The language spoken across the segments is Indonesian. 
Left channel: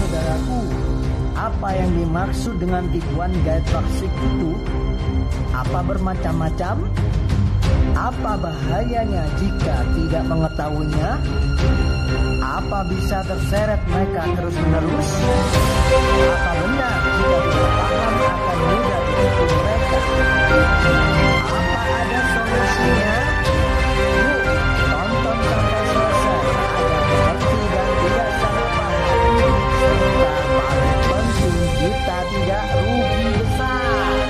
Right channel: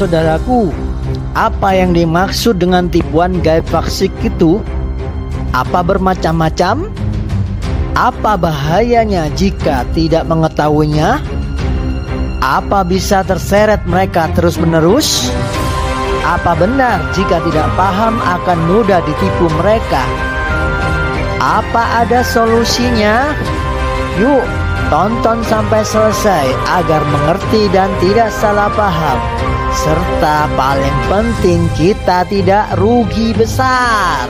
saudaraku, apa yang dimaksud dengan tipuan gaib fasik itu? Apa bermacam-macam? Apa bahayanya jika tidak mengetahuinya? Apa bisa terseret mereka terus-menerus? Apa benar jika tidak paham akan mudah ditipu mereka? Apa ada solusinya? Yuk, tonton sampai selesai agar mengerti dan tidak salah paham. Serta paling penting, kita tidak rugi besar.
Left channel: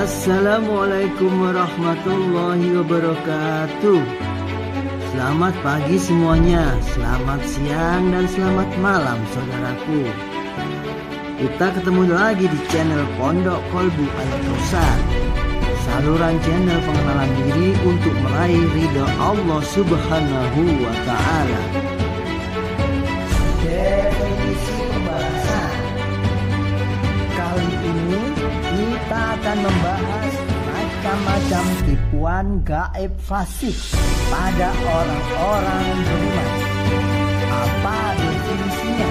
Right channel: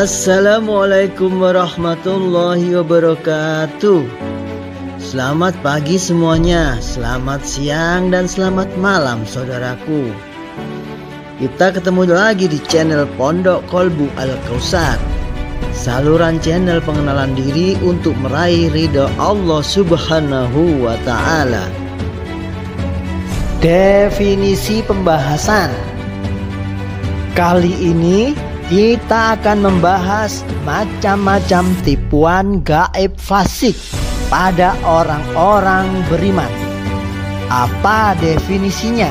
Assalamualaikum warahmatullahi wabarakatuh. Selamat pagi semuanya, selamat siang dan selamat malam saudaraku. Kita ketemu lagi di channel Pondok Kolbu Al-Kausar, saluran channel pengenalan diri untuk meraih ridha Allah Subhanahu wa Ta'ala. Definisi pembahasan kali ini kita akan membahas macam-macam tipuan gaib fasik pada orang-orang beriman. Apa definisinya?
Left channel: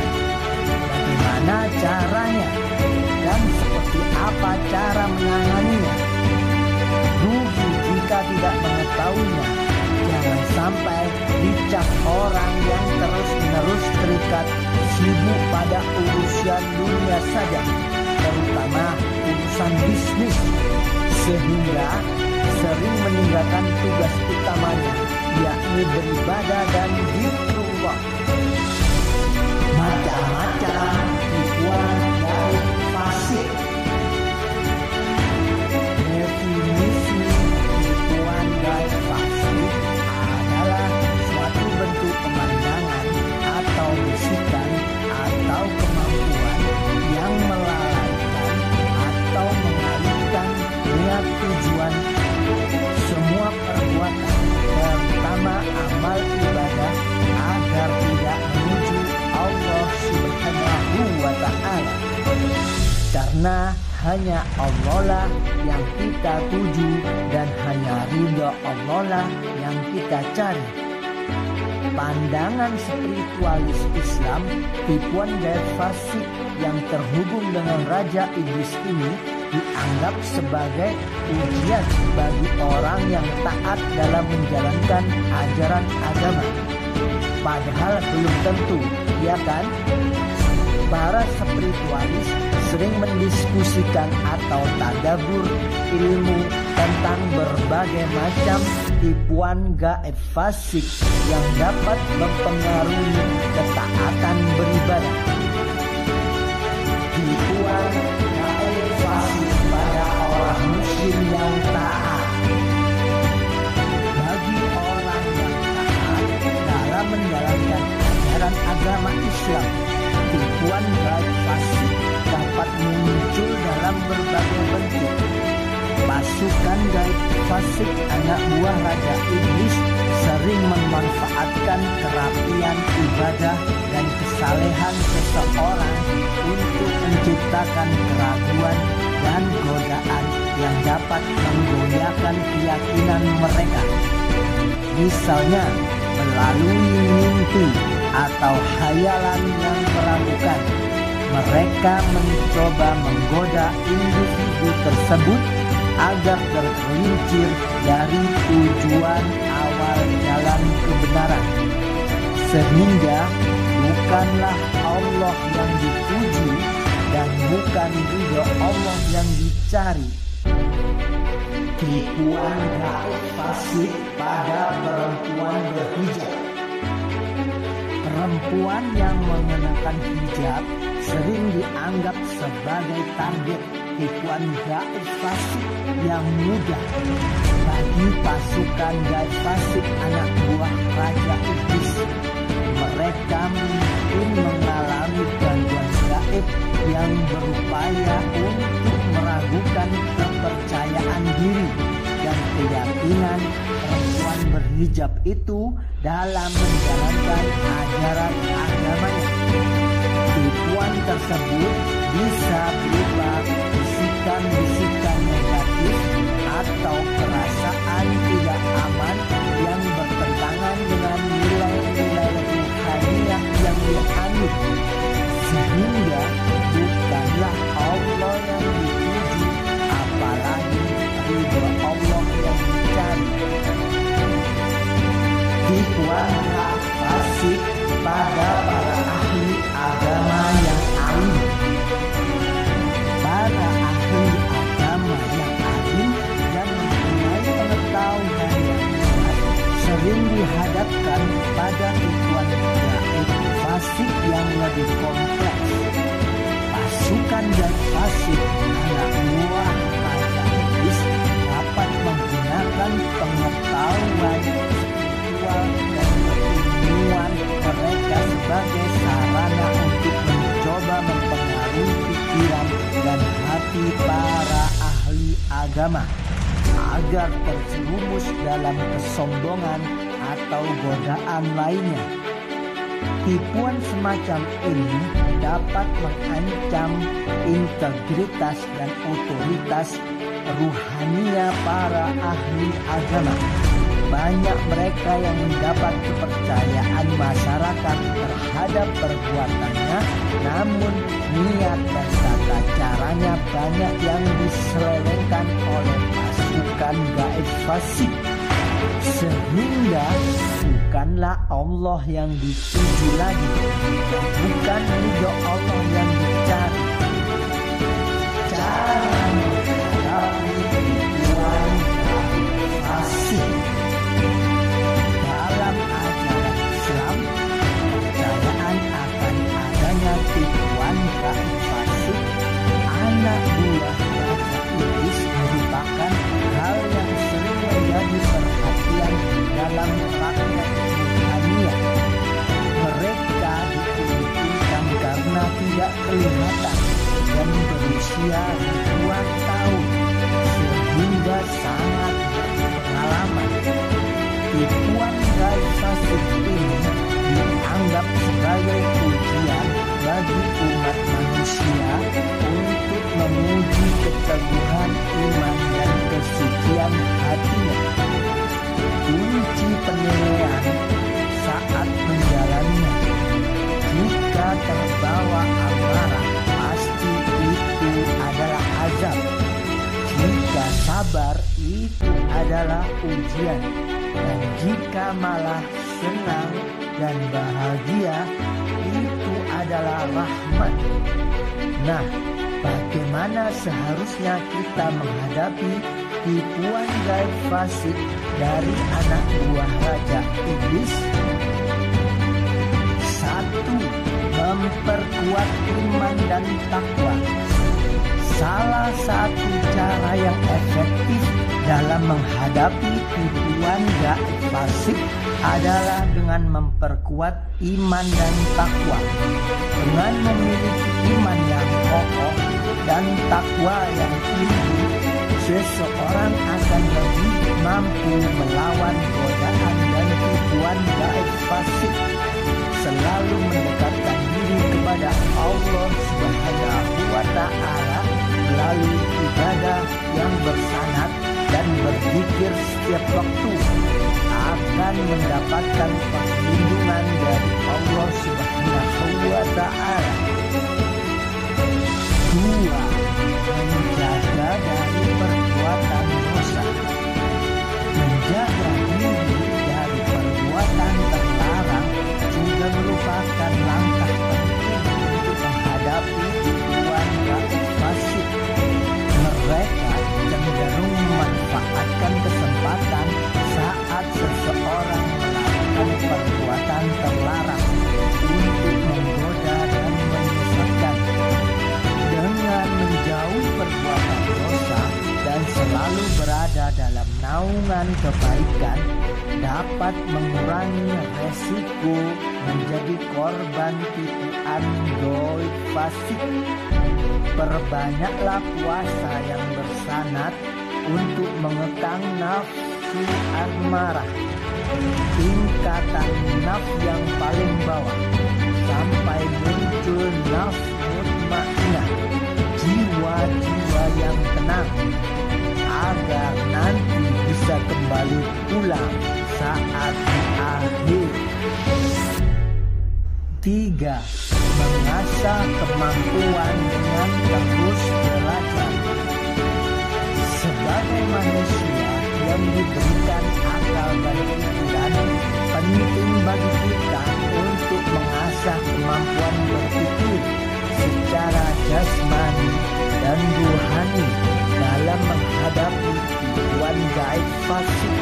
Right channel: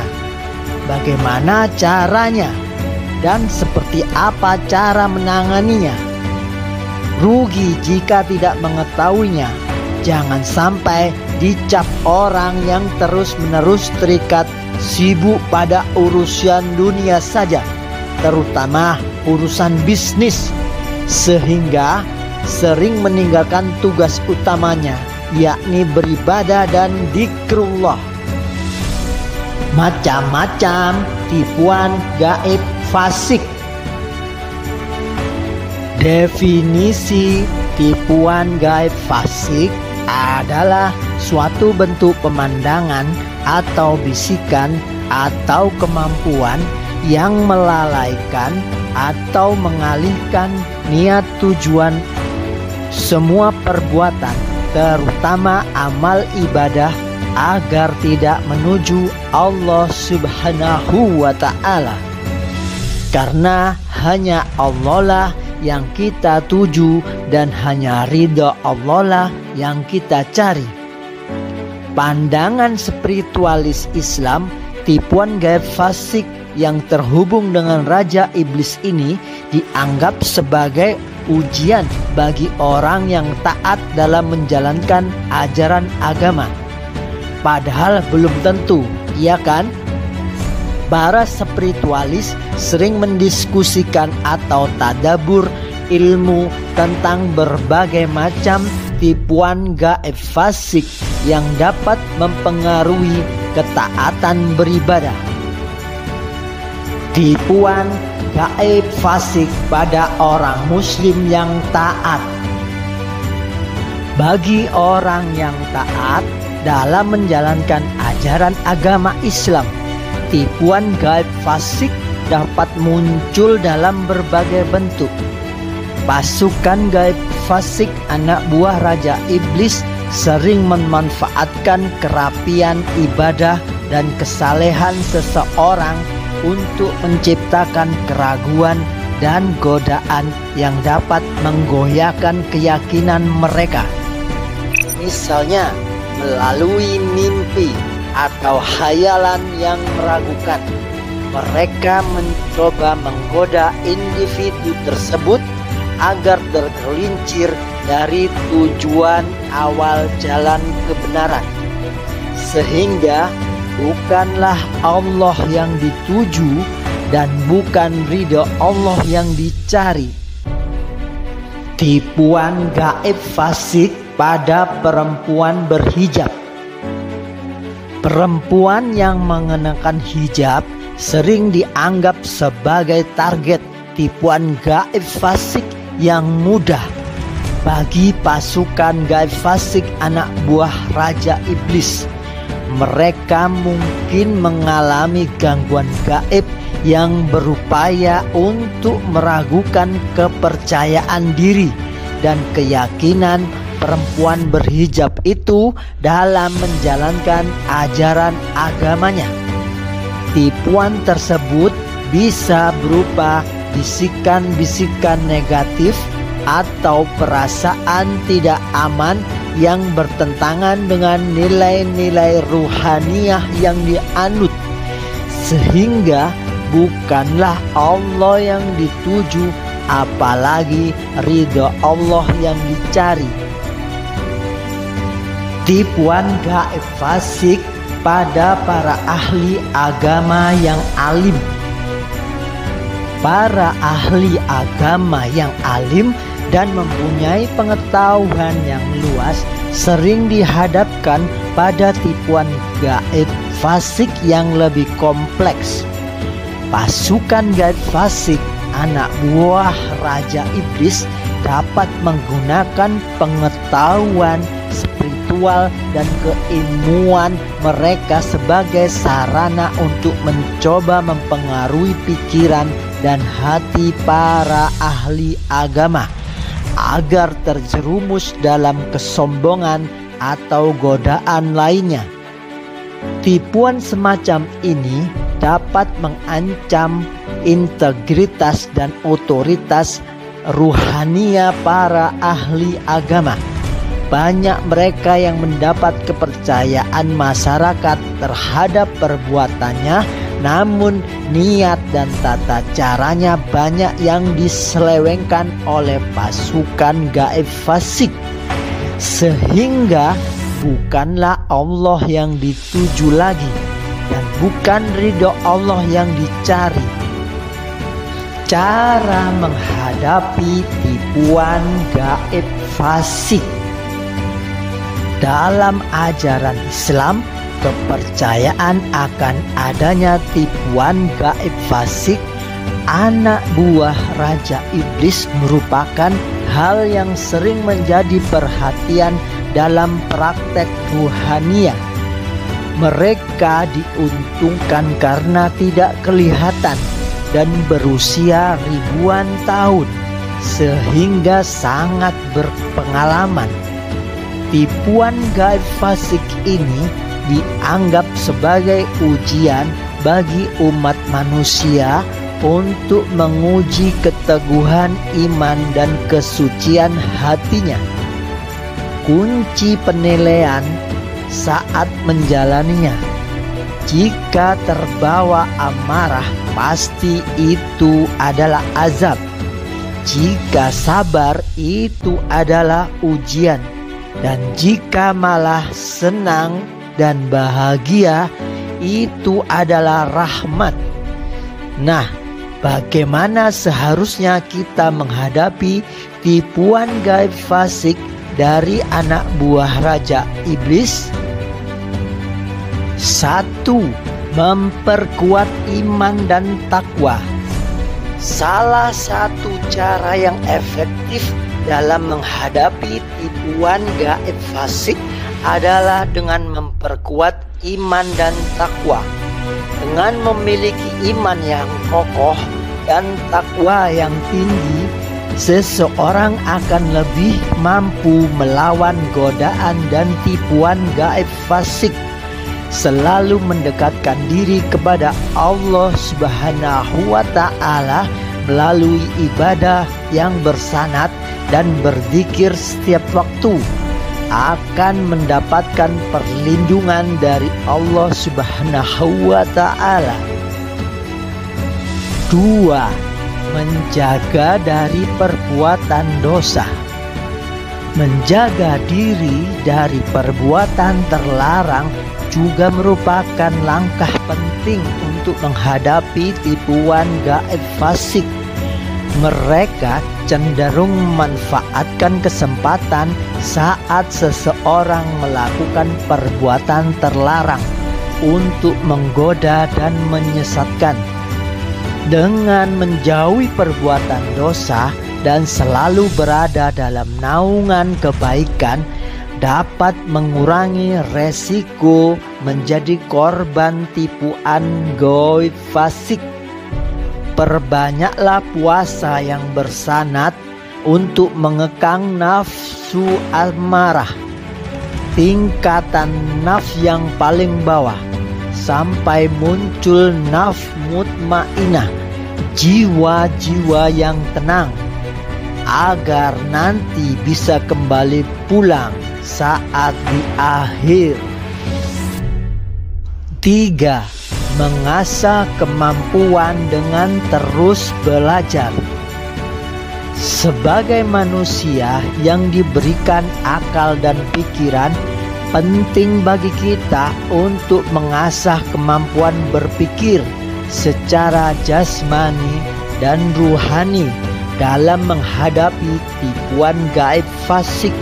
Bagaimana caranya? Dan seperti apa cara menanganinya? Rugi jika tidak mengetahuinya. Jangan sampai dicap orang yang terus-menerus terikat sibuk pada urusan dunia saja, terutama urusan bisnis, sehingga sering meninggalkan tugas utamanya, yakni beribadah dan zikrullah. Macam-macam tipuan gaib fasik. Definisi tipuan gaib fasik adalah suatu bentuk pemandangan atau bisikan atau kemampuan yang melalaikan atau mengalihkan niat tujuan semua perbuatan, terutama amal ibadah, agar tidak menuju Allah Subhanahu wa Ta'ala. Karena hanya Allah lah yang kita tuju dan hanya ridha Allah lah yang kita cari. Pandangan spiritualis Islam, tipuan gaib fasik yang terhubung dengan Raja Iblis ini dianggap sebagai ujian bagi orang yang taat dalam menjalankan ajaran agama. Padahal belum tentu, iya kan? Para spiritualis sering mendiskusikan atau tadabur ilmu tentang berbagai macam tipuan gaib fasik yang dapat mempengaruhi ketaatan beribadah. Tipuan gaib fasik pada orang muslim yang taat. Bagi orang yang taat dalam menjalankan ajaran agama Islam, tipuan gaib fasik dapat muncul dalam berbagai bentuk. Pasukan gaib fasik anak buah Raja Iblis sering memanfaatkan kerapian ibadah dan kesalehan seseorang untuk menciptakan keraguan dan godaan yang dapat menggoyahkan keyakinan mereka. Misalnya melalui mimpi atau khayalan yang meragukan, mereka mencoba menggoda individu tersebut agar tergelincir dari tujuan awal jalan kebenaran, sehingga bukanlah Allah yang dituju dan bukan ridho Allah yang dicari. Tipuan gaib fasik pada perempuan berhijab. Perempuan yang mengenakan hijab sering dianggap sebagai target tipuan gaib fasik yang mudah bagi pasukan gaib fasik anak buah Raja Iblis. Mereka mungkin mengalami gangguan gaib yang berupaya untuk meragukan kepercayaan diri dan keyakinan perempuan berhijab itu dalam menjalankan ajaran agamanya. Tipuan tersebut bisa berupa bisikan-bisikan negatif atau perasaan tidak aman yang bertentangan dengan nilai-nilai ruhaniyah yang dianut, sehingga bukanlah Allah yang dituju, apalagi ridho Allah yang dicari. Tipuan gaib fasik pada para ahli agama yang alim. Para ahli agama yang alim dan mempunyai pengetahuan yang luas sering dihadapkan pada tipuan gaib fasik yang lebih kompleks. Pasukan gaib fasik, anak buah Raja Iblis, dapat menggunakan pengetahuan spiritual dan keilmuan mereka sebagai sarana untuk mencoba mempengaruhi pikiran dan hati para ahli agama agar terjerumus dalam kesombongan atau godaan lainnya. Tipuan semacam ini dapat mengancam integritas dan otoritas ruhania para ahli agama. Banyak mereka yang mendapat kepercayaan masyarakat terhadap perbuatannya, namun niat dan tata caranya banyak yang diselewengkan oleh pasukan gaib fasik, sehingga bukanlah Allah yang dituju lagi dan bukan ridho Allah yang dicari. Cara menghadapi tipuan gaib fasik. Dalam ajaran Islam, kepercayaan akan adanya tipuan gaib fasik anak buah Raja Iblis merupakan hal yang sering menjadi perhatian dalam praktek ruhania. Mereka diuntungkan karena tidak kelihatan dan berusia ribuan tahun, sehingga sangat berpengalaman. Tipuan gaib fasik ini dianggap sebagai ujian bagi umat manusia untuk menguji keteguhan iman dan kesucian hatinya. Kunci penilaian saat menjalaninya. Jika terbawa amarah, pasti itu adalah azab. Jika sabar, itu adalah ujian. Dan jika malah senang dan bahagia, itu adalah rahmat. Nah, bagaimana seharusnya kita menghadapi tipuan gaib fasik dari anak buah Raja Iblis? 1. Memperkuat iman dan takwa. Salah satu cara yang efektif dalam menghadapi tipuan gaib fasik adalah dengan memperkuat iman dan takwa. Dengan memiliki iman yang kokoh dan takwa yang tinggi, seseorang akan lebih mampu melawan godaan dan tipuan gaib fasik. Selalu mendekatkan diri kepada Allah Subhanahu wa Ta'ala melalui ibadah yang bersanad dan berzikir setiap waktu akan mendapatkan perlindungan dari Allah Subhanahu wa Ta'ala. 2. Menjaga dari perbuatan dosa. Menjaga diri dari perbuatan terlarang juga merupakan langkah penting untuk menghadapi tipuan gaib fasik. Mereka cenderung memanfaatkan kesempatan saat seseorang melakukan perbuatan terlarang untuk menggoda dan menyesatkan. Dengan menjauhi perbuatan dosa dan selalu berada dalam naungan kebaikan, dapat mengurangi resiko menjadi korban tipuan gaib fasik. Perbanyaklah puasa yang bersanad untuk mengekang nafsu nafsu amarah, tingkatan nafs yang paling bawah, sampai muncul nafs mutmainah, jiwa-jiwa yang tenang, agar nanti bisa kembali pulang saat di akhir. 3. Mengasah kemampuan dengan terus belajar. Sebagai manusia yang diberikan akal dan pikiran, penting bagi kita untuk mengasah kemampuan berpikir secara jasmani dan ruhani dalam menghadapi tipuan gaib fasik.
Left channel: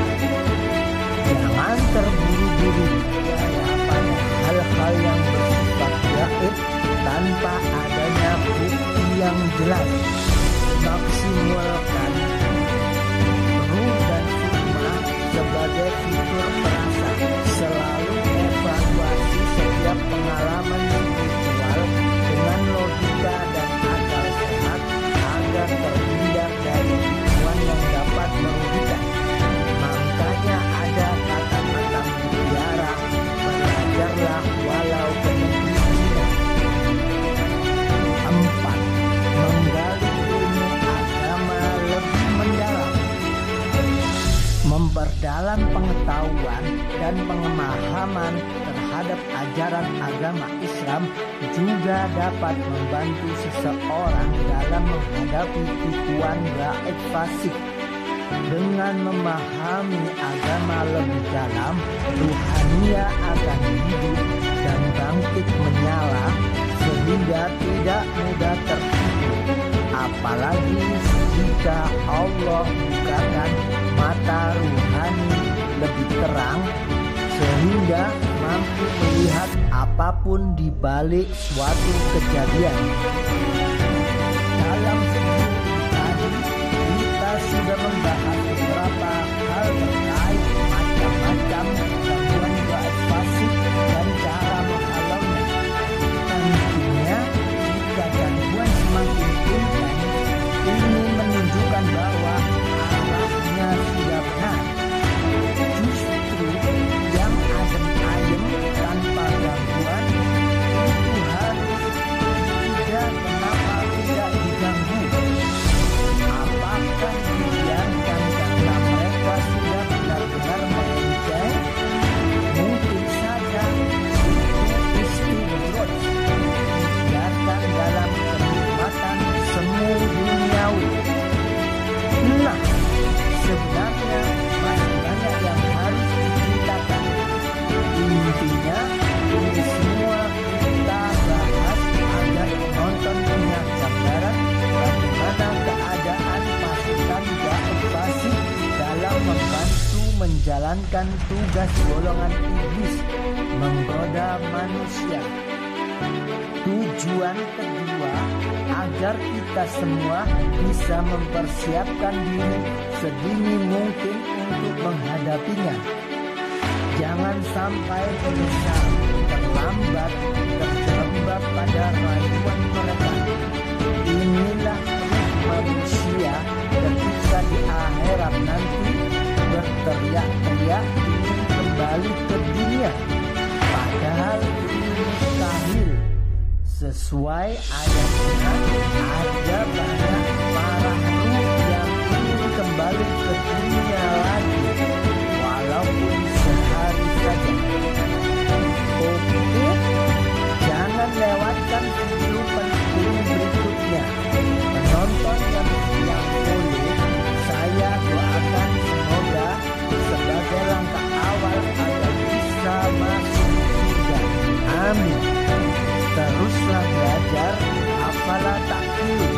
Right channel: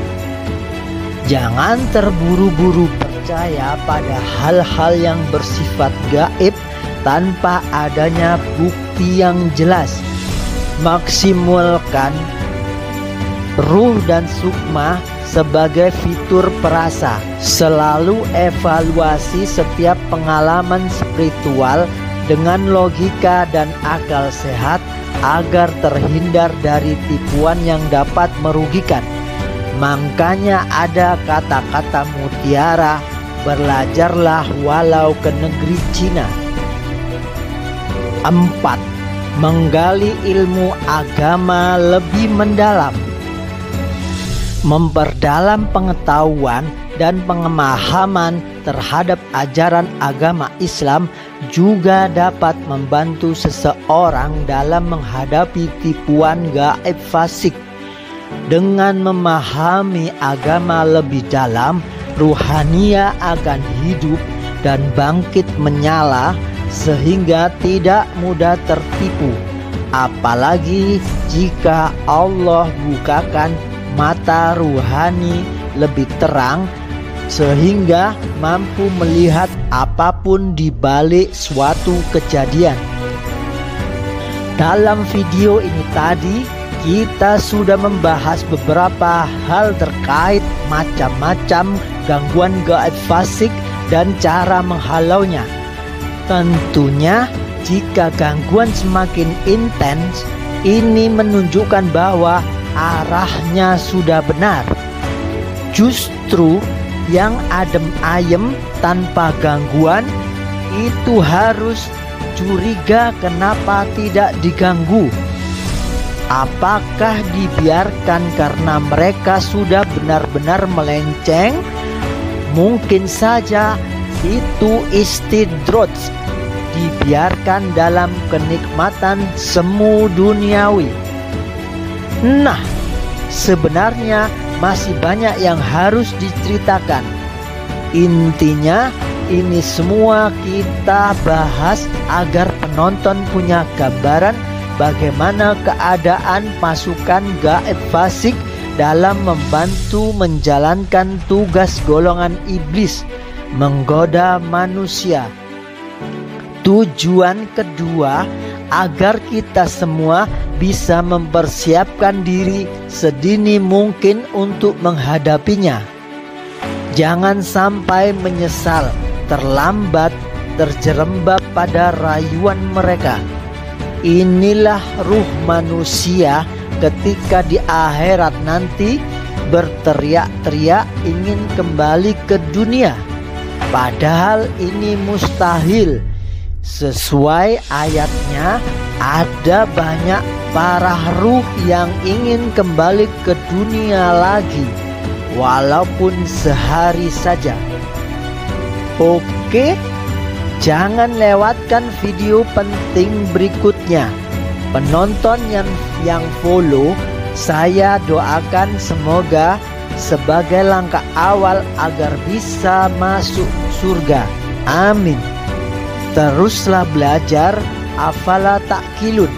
Jangan terburu-buru percaya pada hal-hal yang bersifat gaib tanpa adanya bukti yang jelas. Maksimalkan ruh dan sukma sebagai fitur perasa. Selalu evaluasi setiap pengalaman spiritual dengan logika dan akal sehat agar terhindar dari tipuan yang dapat merugikan. Makanya ada kata-kata mutiara, belajarlah walau ke negeri Cina. 4. Menggali ilmu agama lebih mendalam. Memperdalam pengetahuan dan pemahaman terhadap ajaran agama Islam juga dapat membantu seseorang dalam menghadapi tipuan gaib fasik. Dengan memahami agama lebih dalam, ruhania akan hidup dan bangkit menyala sehingga tidak mudah tertipu. Apalagi jika Allah bukakan mata ruhani lebih terang sehingga mampu melihat apapun di balik suatu kejadian. Dalam video ini tadi kita sudah membahas beberapa hal terkait macam-macam gangguan gaib fasik dan cara menghalaunya. Tentunya jika gangguan semakin intens, ini menunjukkan bahwa arahnya sudah benar. Justru yang adem ayem tanpa gangguan itu harus curiga kenapa tidak diganggu. Apakah dibiarkan karena mereka sudah benar-benar melenceng? Mungkin saja itu istidraj, dibiarkan dalam kenikmatan semu duniawi. Nah, sebenarnya masih banyak yang harus diceritakan. Intinya ini semua kita bahas agar penonton punya gambaran bagaimana keadaan pasukan gaib fasik dalam membantu menjalankan tugas golongan iblis menggoda manusia. Tujuan kedua, agar kita semua bisa mempersiapkan diri sedini mungkin untuk menghadapinya. Jangan sampai menyesal, terlambat, terjerembab pada rayuan mereka. Inilah ruh manusia ketika di akhirat nanti berteriak-teriak ingin kembali ke dunia. Padahal ini mustahil. Sesuai ayatnya, ada banyak para ruh yang ingin kembali ke dunia lagi, walaupun sehari saja. Oke, jangan lewatkan video penting berikutnya. Penonton yang follow, saya doakan semoga sebagai langkah awal agar bisa masuk surga. Amin. Teruslah belajar, afala ta'qilun.